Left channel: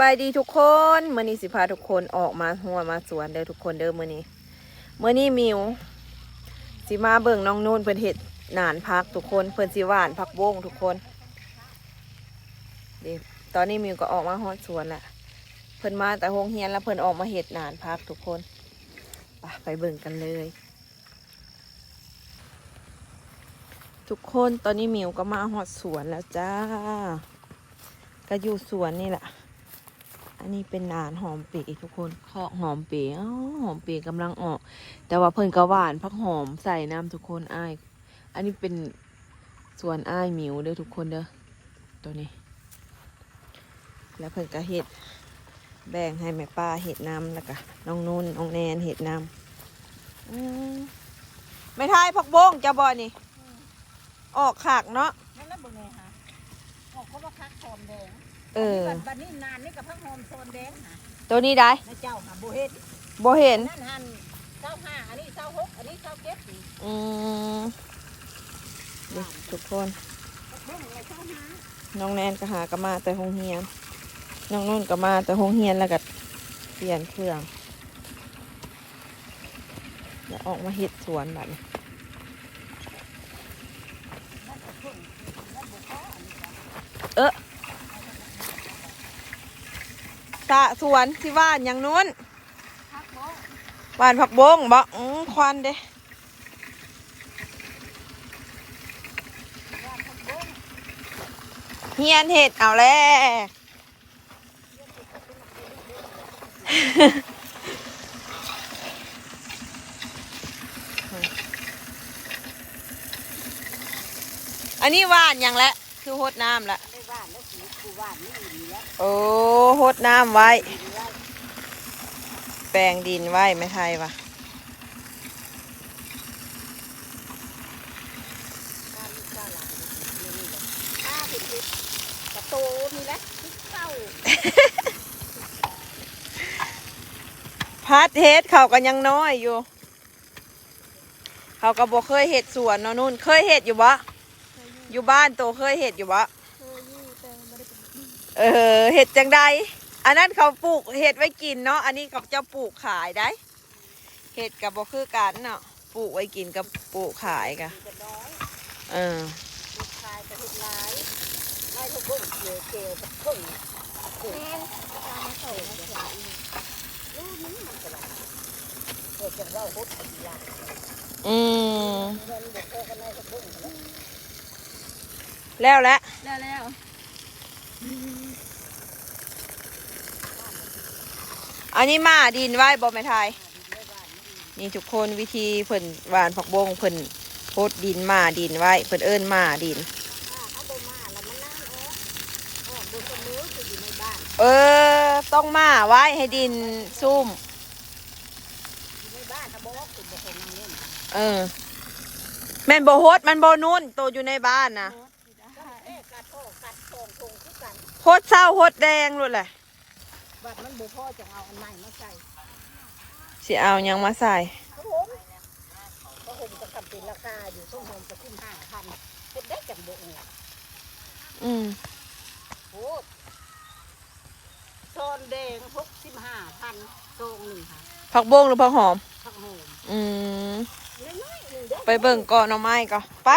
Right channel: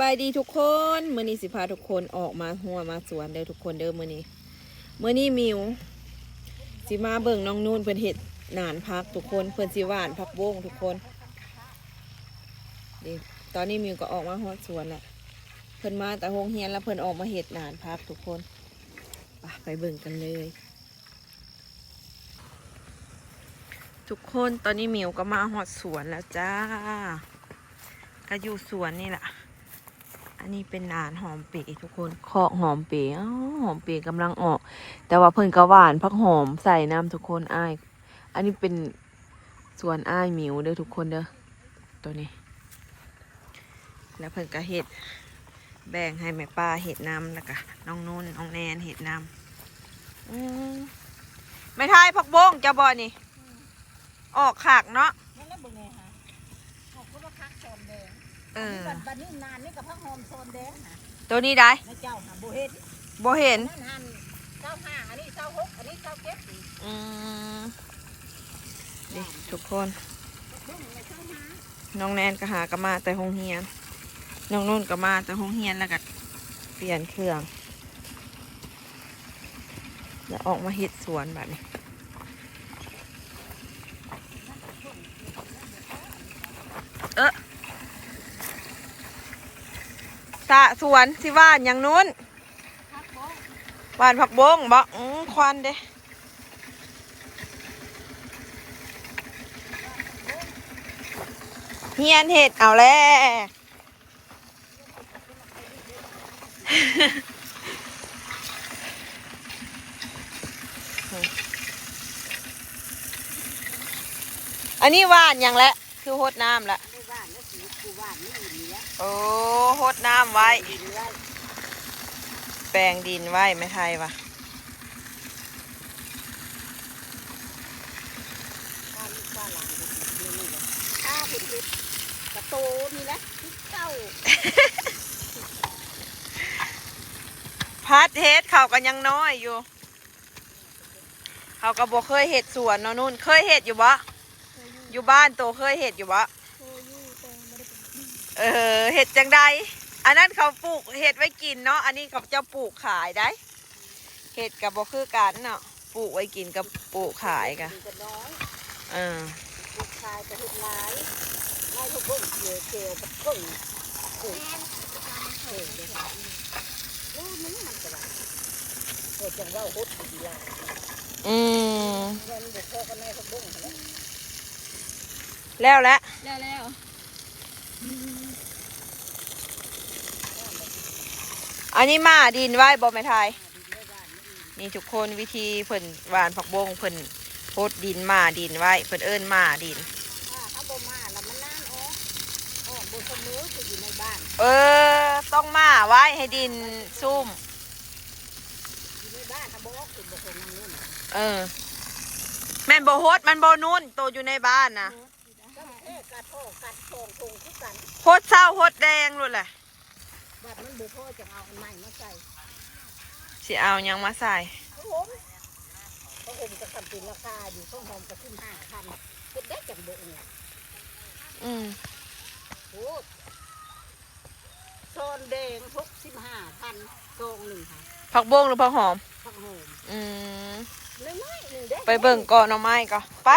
บายดีทุกคนมื้อนี้สิพาทุกคนออกมาหัวมาสวนเด้อทุกคนเด้อมื้อนี้มิวสิมาเบิ่งน้องนุ่นเพิ่นเฮ็ดหนานพักทุกคนเพิ่นสิหว่านผักบงทุกคนเดี๋ยวตอนนี้มิวก็ออกมาฮอดสวนละเพิ่นมาแต่โรงเรียนแล้วเพิ่นออกมาเฮ็ดหนานพักทุกคนไปเบิ่งกันเลยทุกคนตอนนี้มิวก็มาฮอดสวนแล้วจ้าก็อยู่สวนนี่แหละอันนี้เป็นหนานหอมปีทุกคนเคาะหอมปีหอมปีกำลังออกแต่ว่าเพิ่นก็หวานพักหอมใส่น้ำทุกคนอ้ายอันนี้เป็นสวนอ้ายหมิวเด้อทุกคนเด้อตัวนี้แล้วเพิ่นก็เห็ดแบ่งให้แม่ป้าเห็ดน้ำแล้วก็น้องนุ่นน้องแนนเห็ดน้ำไม่ทายพักบงจะบ่นี่ออกขากเนาะนั่นแหละเบิ่งไงฮะออกเขาว่าพักโซนแดงบัดนี้นานนี่กับพักโฮมโซนแดงฮะตัวนี้ได้ในเจ้าหาโบเห็นนั่นหัน25อันนี้26อันนี้27นี่ทุกคนน้องแนนก็หากระมาแต่โรงเรียนน้องนุ่นก็มาแต่โรงเรียนแล้วก็เปลี่ยนเครื่องแล้วออกมาเฮ็ดสวนแบบนี้ตะสวนที่บ้านอย่างนู้นบ้านผักบงบ่ควันเด้เฮียนเห็ดเอาแล้วอันนี้ว่านอย่างละคือหดน้ำละโอ้หดน้ำไว้แปลงดินไว้ไม่ไทยวะกระโตนี่แหละเก้าพัดเฮ็ดเขากันยังน้อยอยู่เขาก็บอกเคยเห็ดสวนเนาะนุ่นเคยเห็ดอยู่บ่อยู่บ้านโตเคยเห็ดอยู่บ่เห็ดจังใดอันนั้นเขาปลูกเห็ดไว้กินเนาะอันนี้เขาจะปลูกขายได้เห็ดกับบ่คือกันเนาะปลูกไว้กินกับปลูกขายกันแล้วอันนี้มาดินไว้บ่แม่ไทยนี่ทุกคนวิธีเพิ่นหวานผักบงเพิ่นโพดดินมาดินไว้เพิ่นเอิ้นมาดินต้องมาไว้ให้ดินซุ่มแม่นบ่โฮดมันบ่นุ่นโตอยู่ในบ้านนะโฮดเศร้าโฮดแดงluônแหละบัดมันบุพ่อจะเอาอันใหม่มาใส่สิเอายังมาใส่ก็ผมจะกำเป็นราคาอยู่ทุ่งหอมจะขึ้น5,000เฮ็ดได้จังบ่เนี่ยโอ้โซนแดง65,000โซงหนึ่งค่ะผักบงหรือผักหอมผักหอมไปเบิ่งก่อนเอาไม้ก่อนไป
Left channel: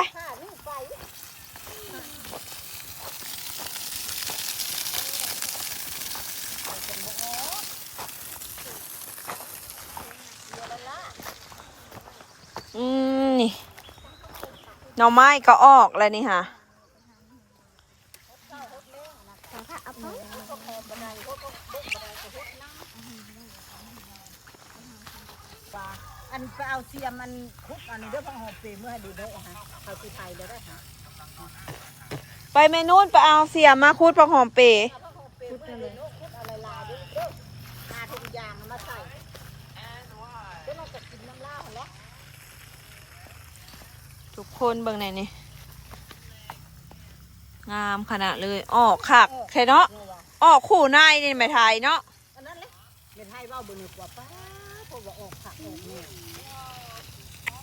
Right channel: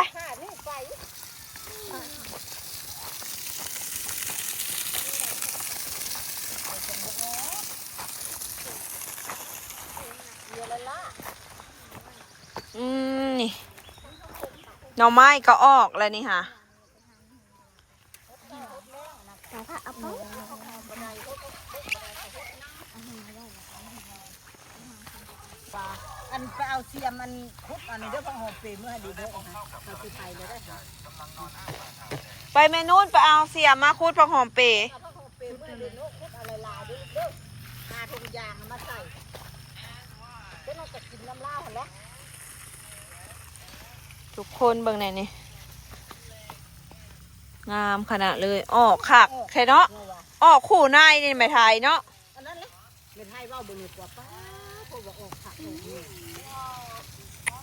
นี่หน่อไม้ก็ออกแล้วนี่ค่ะอันไปเอาเสียมันคุดอันนี้เด้อพังหอมเปรย์เมื่อดีเด้อฮะเอาที่ไทยเลยได้ค่ะไปเมนูนไปเอาเสียมาคุดผักหอมเปรย์ทุกคนเบิ่งไหนนี่งามขนาดเลยออกคักใช่เนาะออกคู่นายนี่ไม่ไทยเนาะอันนั้นเลยไม่ไทยว่าบนหัวป้าพวกว่าออกผักออกนี่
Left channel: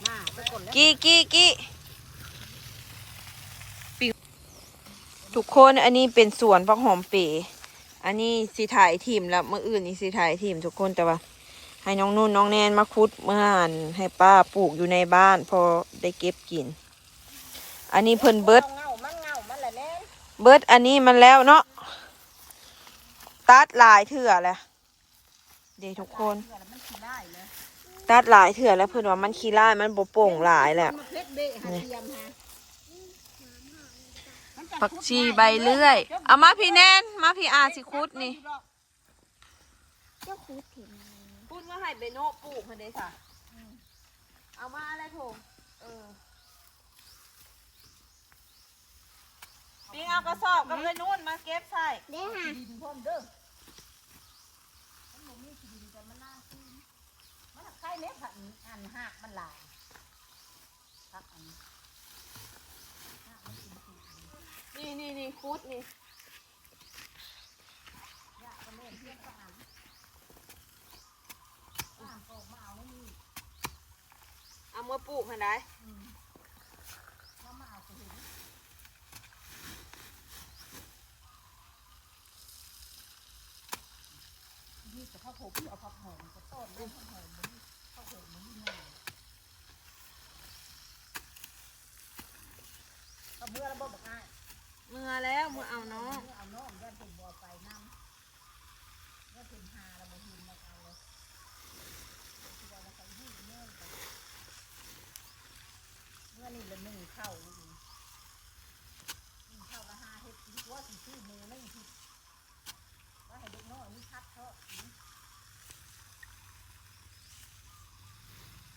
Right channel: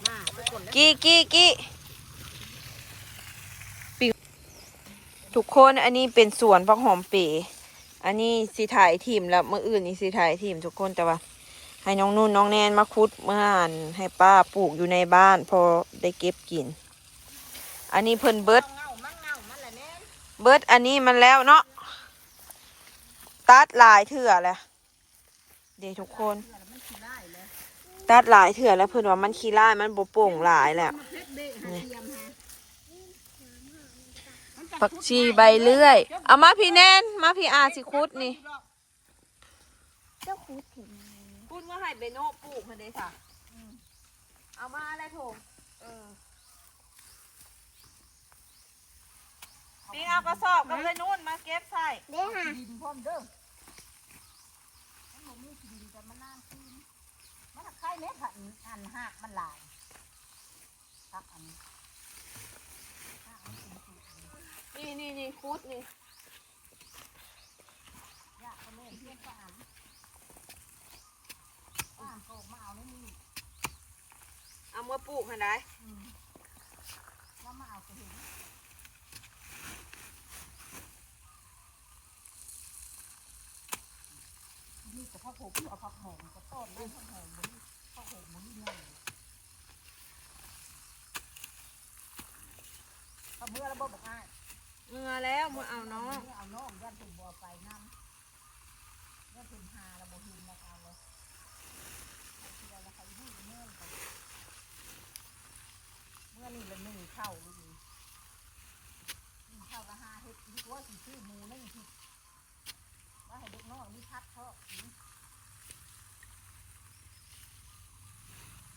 มาทุกคนกี้ทุกคนอันนี้เป็นสวนผักหอมเปรย์ อันนี้สิถ่ายทีมแล้วเมื่ออื่นนี่สิถ่ายทีมทุกคนแต่ว่า ให้น้องนุ่นน้องแนนมาคุดมาหั่นให้ป้าปลูกอยู่ในบ้านพอได้เก็บกิน อันนี้เพิ่นเบิด มันแหละแน่ เบิดอันนี้มันแล้วเนาะตัดหลายเถื่อแหละเด็กทุกคน มันขี้ไล่เลย ตัดหลายเถื่อแล้วเพิ่นว่ามันขี้ร้ายมันบ่โป่งหลายแหละ เพชรเบะหาเทียมฮะ ผักชีใบเลื่อยเอามาพี่แนนมาพี่อาสิคุดนี่ เจ้าคูถึง พูดว่าให้เบโน่ปลูกค่ะเด้ค่ะเอามาอะไรโถปิงเอากระสอบกับเลยนู่นมาเก็บใส่ ได้ค่ะ ดินพร้อมเด้อมันมีดินแต่มันน่ากินมันใครเล็กผัดอันหักมันหลายผักอันนี้ นี่คุดนี่เอามาปลูกค่ะได้เมื่อแล้วเมื่อเอาน้อง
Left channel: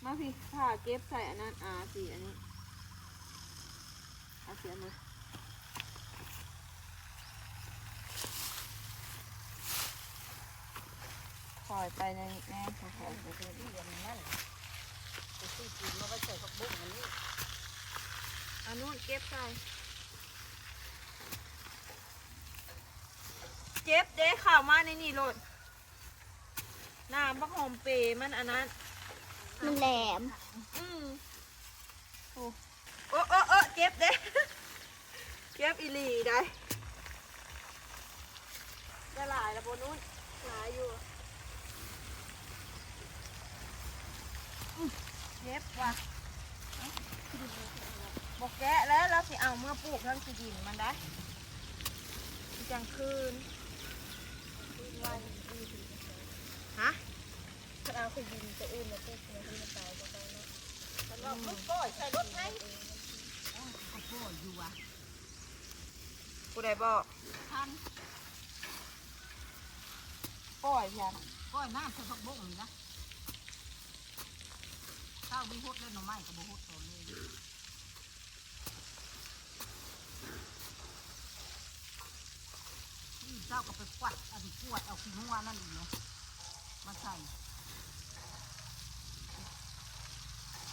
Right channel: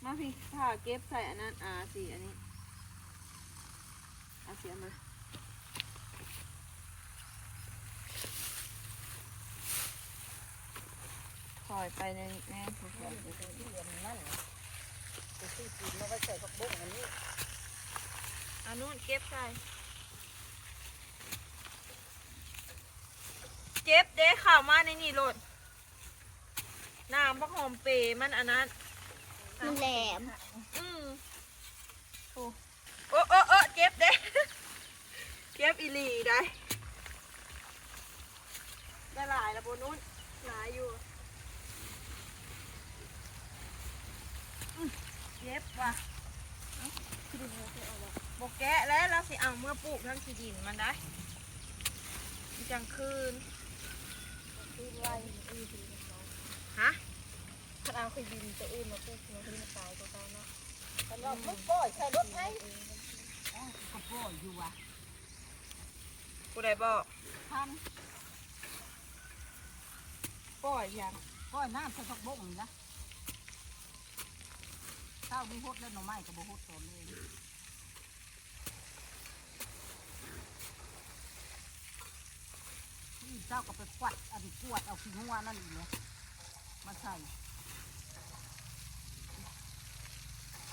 มาพี่ถ้าเก็บใส่อันนั้นสีอันนี้เอาเสียมาถอยไปในแน่ถอยไปอันนู้นเก็บใส่เจ็บเด้ข่าวมาในนี่โหลดน้ำพักหอมเปรย์มันอันนั้น มันแหลม โอ้เจ็บเด้ เจ็บอีหลีได้ได้หลายแล้วบนนู้นหลายอยู่เจ็บว่ะบอกแกะแล้วเราสิเอาเมื่อปลูกทั้งสีดินมันได้จังคืนฮะถ้าเอาคือดินจะอื่นมาปลูกมาที่มาตายก็ตายเนาะผู้ใดบอกปล่อยเพียง ก็น้ำใส่ผักบุ้งนี่นะข้าวมีฮดแล้วหน่อไม้ก็บ่ฮดแทนเลยเจ้าก็ไปกวาดเอาขี้งัวนั่นอีกเนี่ยมาใส่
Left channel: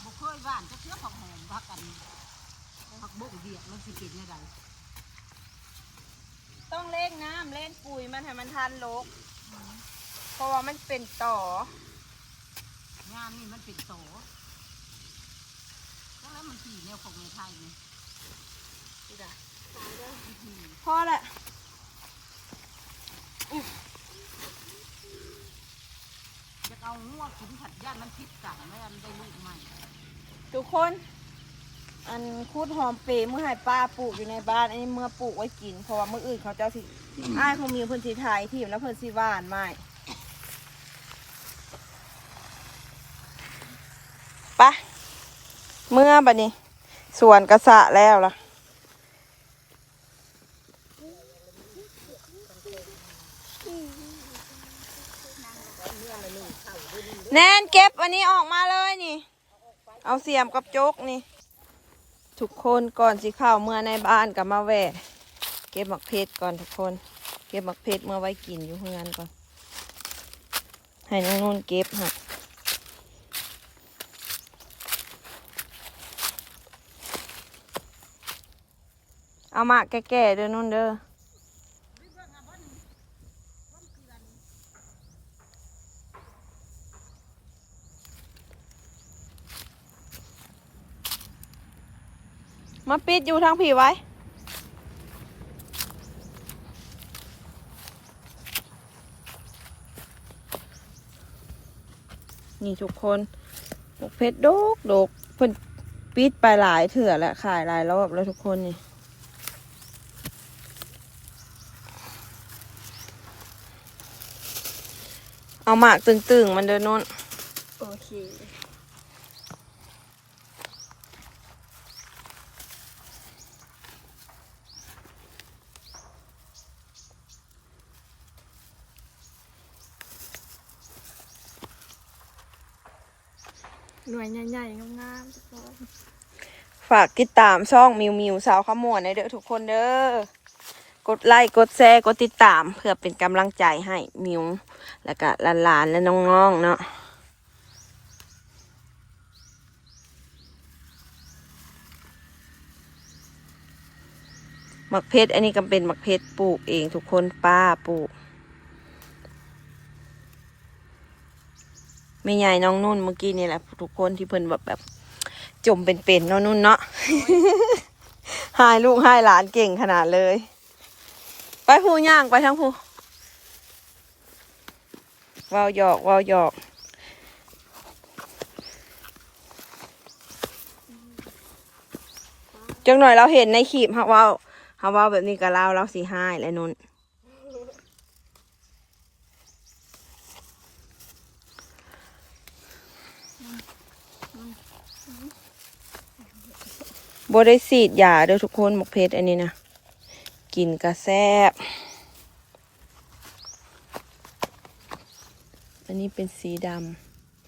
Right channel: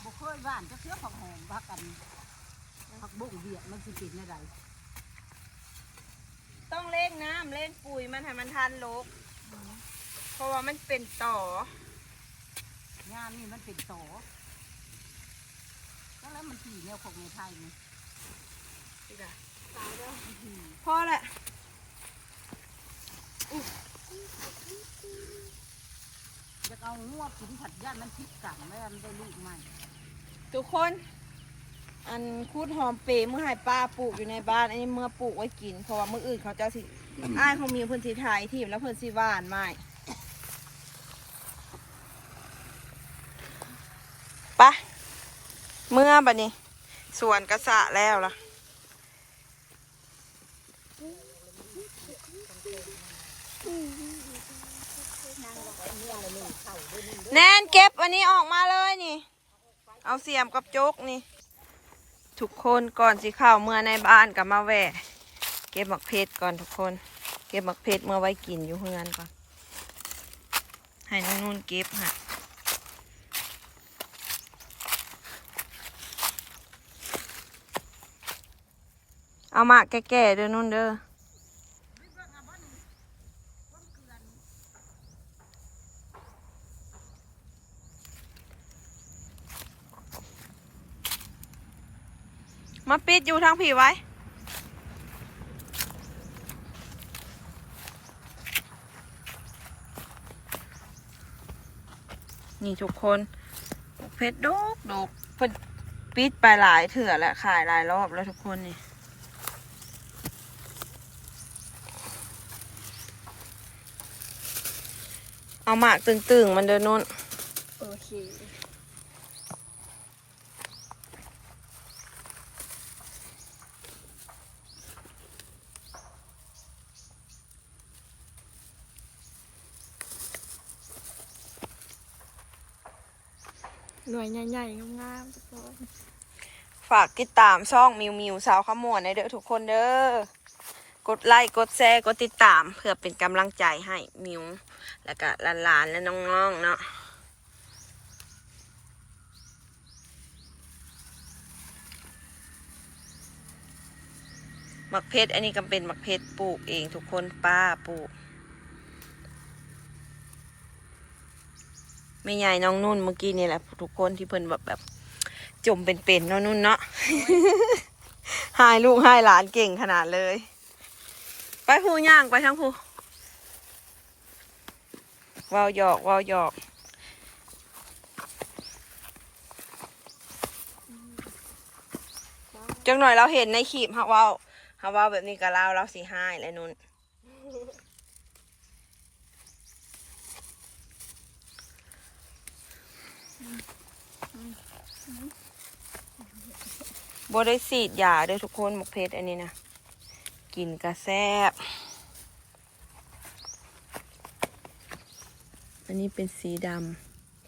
บ่เคยบ้านจะเชื่อผักแห้งผักอันผักบุ้งเดียดมันสิกินได้ได ต้องเล่งน้ำเล่งปุ๋ยมันให้มันทันโลกเพราะว่ามันเป็นต่อง ามนี่มันเป็นโสแล้วมันสีเนี่ยของในไทยนี่ พอแหละ จะเอางัวกินผัดย่านมันพิษต่างแล้วมันได้ลูกใหม่ ทุกคนอันคูดหอมเปรย์เมื่อให้ป้าปลูกอยู่ในบ้านอันนี้เมื่อปลูกไว้กินเพราะว่าเมื่ออื่นเขาจะสิอ้ายเขามีเพิ่นสีไทยทีมแล้วเพิ่นสีหวานไม่ไปเมื่อบัดนี้สวนกระสะแล้วล่ะแนนเก็บอันนี้ออกมาเลยนี่เอาเสียมกับโจ๊กนี่ทุกคนก่อนสิเข้าเมื่อในบ้านกับมาแหวะเก็บหมักเพชรก่อนทุกคนเก็บหมักเพชรเมื่อไว้กินอยู่เพื่อนก่อนให้น้องนุ่นเก็บฮะเอามาแก่ๆเด้อนุ่นเด้อมาปิดอยู่ทางผีไว้ นี่ทุกคนหมกเพชรดกดกเพิ่นปิดไปหลายเถื่อแล้วขายหลายรอบแล้วทุกคนนี่เอาหมากตึงๆมันเดินนน โอเคหน่วยใหญ่ๆงามๆทุกคน ฝากติดตามช่องมิวสาวขมวนในเด้อทุกคนเด้อกดไลค์กดแชร์กดติดตามเพื่อเป็นกำลังใจให้มิวแล้วก็หลานๆและน้องๆเนาะหมักเพชรอันนี้ก็เป็นหมักเพชรปลูกเองทุกคนป้าปลูกไม่ใหญ่น้องนุ่นเมื่อกี้นี่แหละทุกคนที่เพิ่นแบบจมเป็นๆน้องนุ่นเนาะ หายลูกหายหลานเก่งขนาดเลยไปพูย่างไปทั้งพูวาวหยอกจังหน่อยเราเห็นในคลิปฮะว่าแบบนี้กับเราสีหายเลยนุ่นบ่ได้ฉีดยาเด้อทุกคนหมกเพชรอันนี้นะกินกระแซบอันนี้เป็นสีด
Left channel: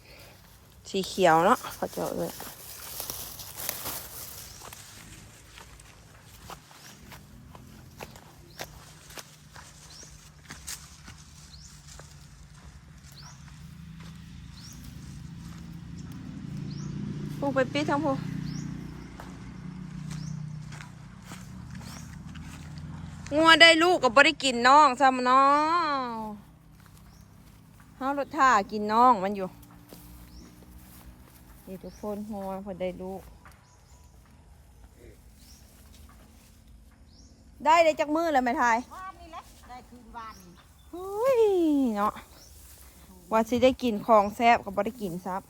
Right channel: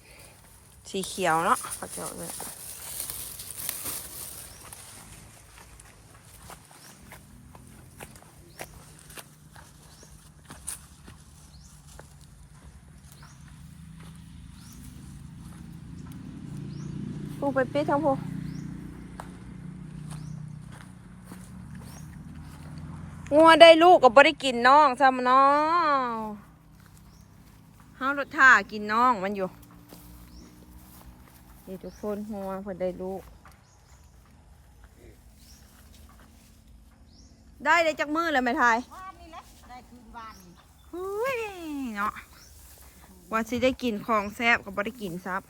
ำสีเขียวเนาะเขาเจาะเลยพวกไปปิดทั้งพวกงัวได้ลูกก็บ่ได้กินน้องซ้ำน้องเฮารถท่ากินน้องมันอยู่นี่ทุกคนงัวเพิ่นได้ลูกได้จักมือเลยไหมทายว านนี่แหละได้คืนวานนี่ เฮ้ยเนาะว่าสิได้กินของแซ่บก็บ่ได้กินซับ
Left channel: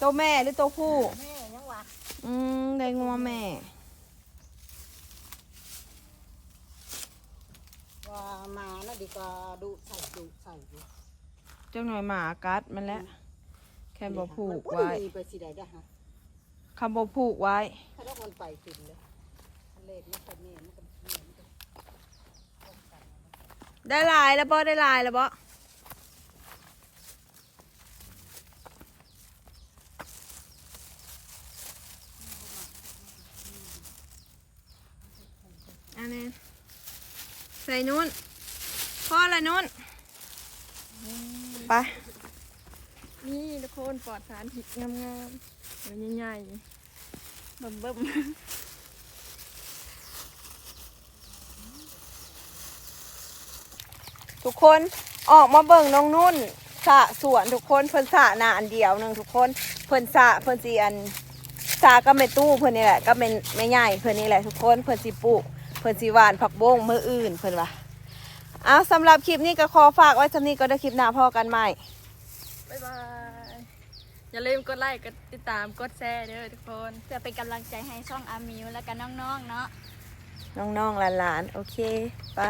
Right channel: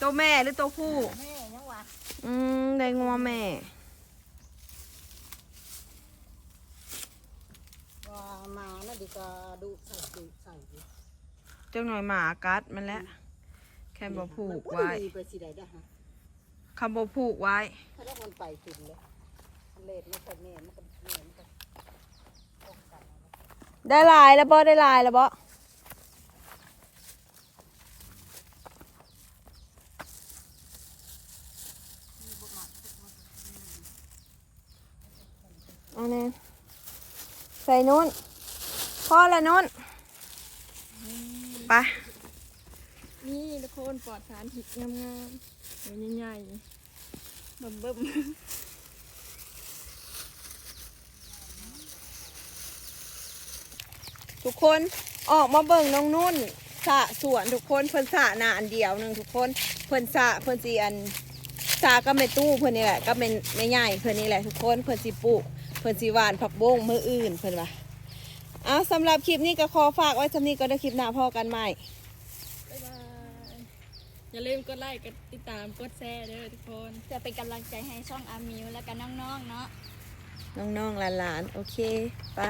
ตัวแม่หรือตัวผู้ แม่ยังวะ ได้งัวแม่ ว่ามาแล้วดีก็ดูใส่อยู่ จังหน่อยหมากัดมันแล้วแค่บ่ผูกไว้ ไปสิได้ได้ฮะ คำบ่ผูกไว้ ถ้าเราคนไปถึงเลยเล่นไม่เป็นแม่ไม่เป็น ได้ลายแล้วบ่ได้ลายแล้วบ่อันนี้ใส่นุ่นพ่อละนุ่นไป นี่ทุกคนปลอดสารพิษงามๆหน่วยใหญ่ๆเบิ่ม ทุกคนออกมาเบิ่งน้องนุ่นสระสวนทุกคนเพิ่นสระหน้าอันเดียวหนึงทุกคนเพิ่นสระเพิ่นสิอันสระก็ไม่ตู้เพิ่นนี่แหละก็เป็นไม่ใหญ่เพิ่นนี่แหละทุกคนเพิ่นสิปลูกเพิ่นสิหว่านผักบงมื้ออื่นเพิ่นว่าเอาสำหรับคลิปนี้ก็ขอฝากไว้สำนี้ก็ได้คลิปหน้าพอกันใหม่ ๆบ๊ายบายอย่าลืมกดไลค์กดติดตามกดแชร์เด้อทุกคนเพื่อเป็นกำลังใจให้ช่องอามิวและก็น้องๆเนาะ น้องๆหลานๆโอเคไป